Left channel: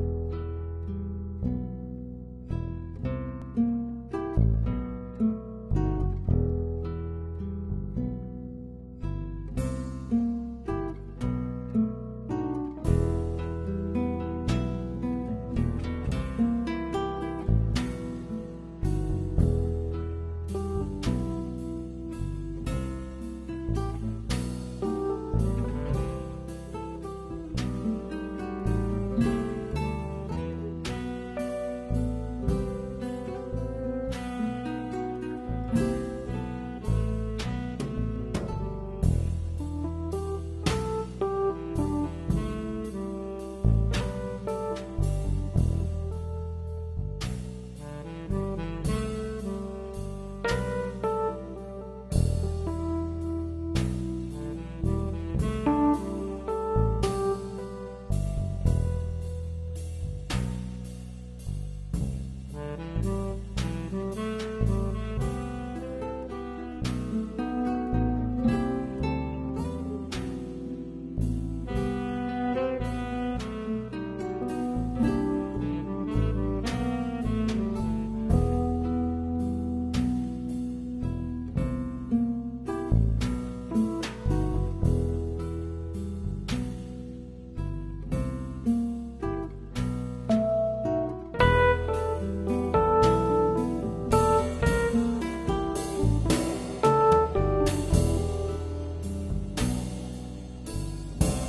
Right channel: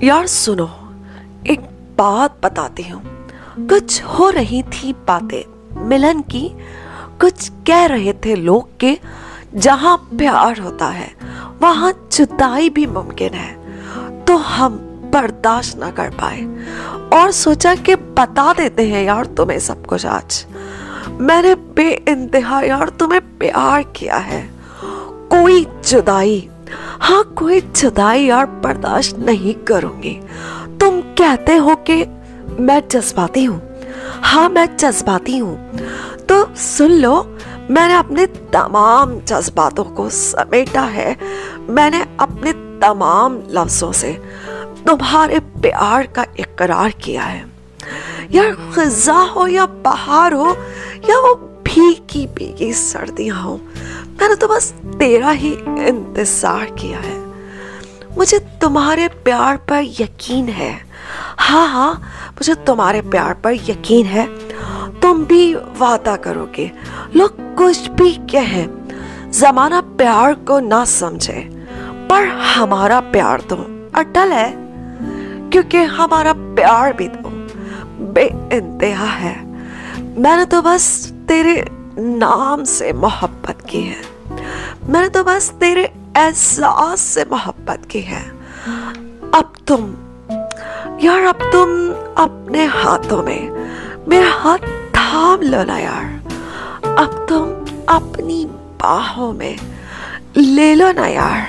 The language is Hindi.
यार सुनो, एक बात बताती हूँ। कुछ हो रही थी बातें मिलन की, कुछ कह रहे थे लोग के जहाँ प्यार होता है वहाँ जुदाई भी मुमकिन है। तो हम बर्दाश्त ना कर पाए और सोचा कि बता देते हैं यार तुम्हें सब कुछ आज। मैंने बेइंतहा यार तुम्हें प्यार किया है। कोई जुदाई, हाँ कोई जुदाई यार बर्दाश्त नहीं करूंगी। तुम कहते हो कि मैं जज्बाती हूँ, हाँ मैं जज्बाती हूँ, तो सुन लो, मैंने अपने तमाम जज्बातों को समेटा है। मैंने अपने तमाम लफ्जों से तुम्हारे प्यार का इकरार किया है। यार खज़ा हो या बहार हो या वो भीगी भीगी सर्दियां हो, मैंने तो बस तेरा ही इंतजार किया है। मुझे तुम्हारे प्यार पर यकीन है, हाँ मुझे तुम्हारे प्यार पर यकीन है। तुम भी वादा करोगे, लोग कुछ भी कहें, जमाना प्यार को ना समझे, पर हमारा प्यार तो अटल है, क्योंकि हमारा प्यार भी तो बेइंतहा है। मैंने तो बस तेरे नाम से मोहब्बत की है, मैंने तो बस तेरे एहसास से मोहब्बत की है। अब तुम अपने हाथों में मेरा हाथ थाम लो ना यार। अब तुम अपनी बाहों में ले लो ना यार।